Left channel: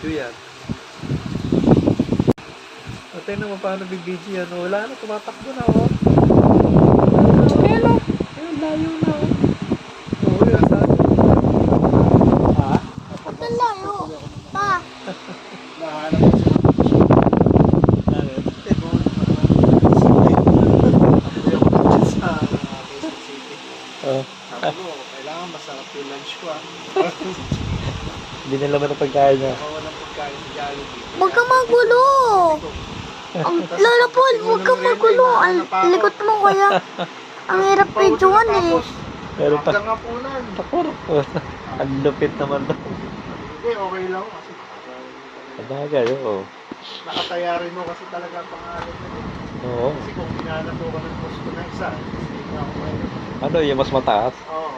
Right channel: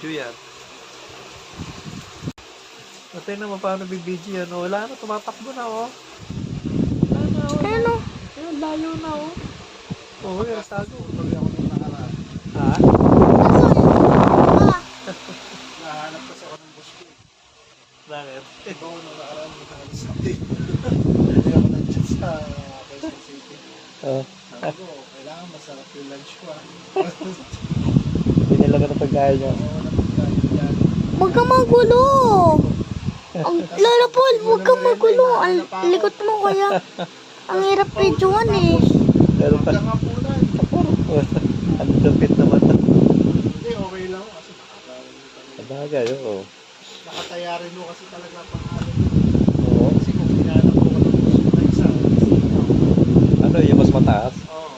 Video yan. O, tingnan mo paano bibidyo yan. O, wala na, tumatakbo na, o. Ayun o. Ayun, layo na, o. Oo, yun, sabi. Ha? Nahanap ko sa Bakit? Hindi ako nandiyan sa Quezon City. Oh. Sabi ko, kailangan masarap yung lunch ko ah. Hindi nila ba ng pagkain niya? Ako na pagkain dyan. Huwag kang magulo. Ang Lola Paul, huwag kang magulo. Ang likot mo kaya. Ang hirap videoan eh. Pero pa, Hanggang hapunan. ang lupit naman. Hindi, okay lang kasi Sabagay, oo. nakataya rin mo kasi talaga pangalan mo. Oo. Kasi kung hinanap ko ka ng gusto na isa, kasi ako. Ano, yung mas mataas? Oo,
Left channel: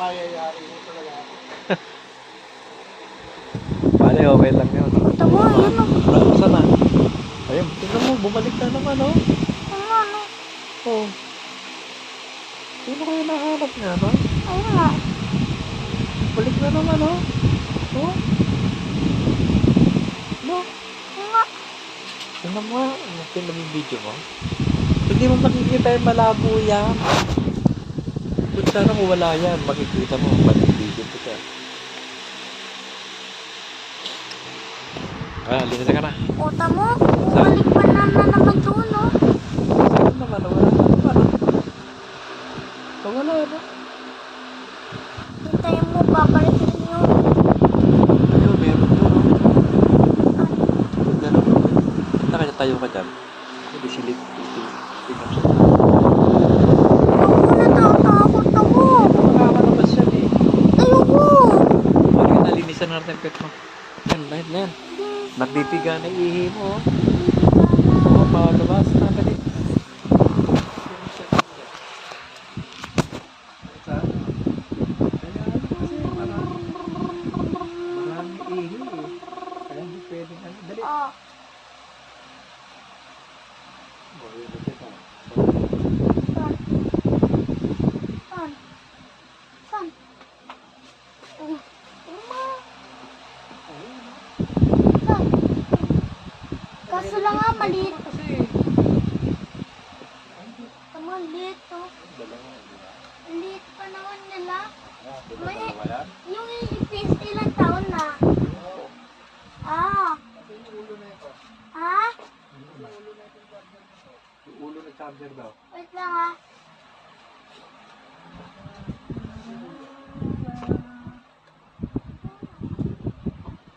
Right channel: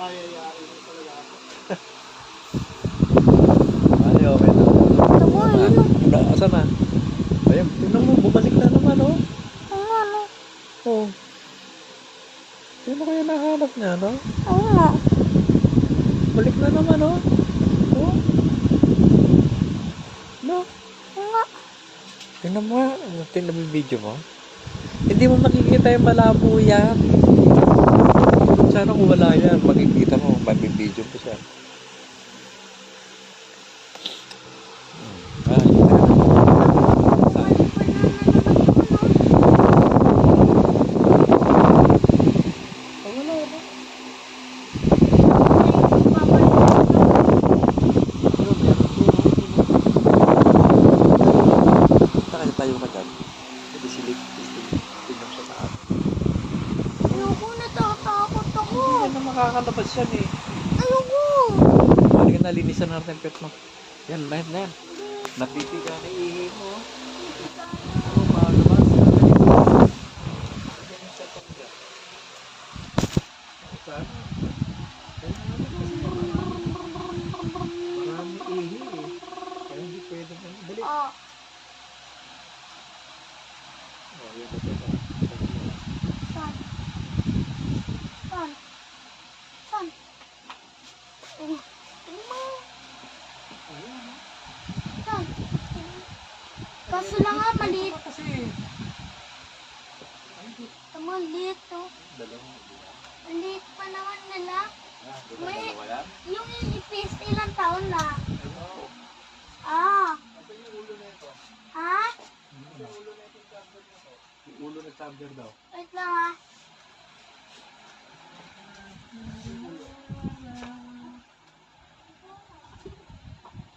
mayayari mo talaga ako. Bali, okay lang yun. Tama, yun o. Saan na? Ayun, tingnan mo, bumalik na naman, oh. Oo nga, no. Oh. Sino kayo nahanap niya, no? Oo nga. Balik na naman, oh. Oh. No? Oo nga. Tingnan mo nga, pinabibidyo mo. Hindi mo makikita yung malabo yan. Kung sana kung wala yan, makikita mo, magbibidyo ko siya. Ah, lisa ka na. Tama. Balik pa naman doon, no. Oh, wala na. Tayo po, babalik ko doon. Ayun, meron yun. Kita kanya tayo ka dyan. Hindi silip. Tingnan siya. Huwag mo na takot ako. Makakalabas yan eh. Ayoko. Balik kita, linisan natin ang pet mo. Yan. Nagbibiga na ihi mo. Oo, palabas na dali. Marami ihi eh. Kaya hindi pwedeng ano. Dali. Ah. Oh, yun na kita. Saan? Saan? Saan? Oh, tingnan mo. Saan? Kaso lang nga, maliit. Kasi. Tama, liit to. Dalawa, di ba? Liit pa naman nila. Di ba May, dalawa yan? yung ipis ilang taon na. Ah. Ito yung ulo na ito. Ha? Yung ulo ng charger daw.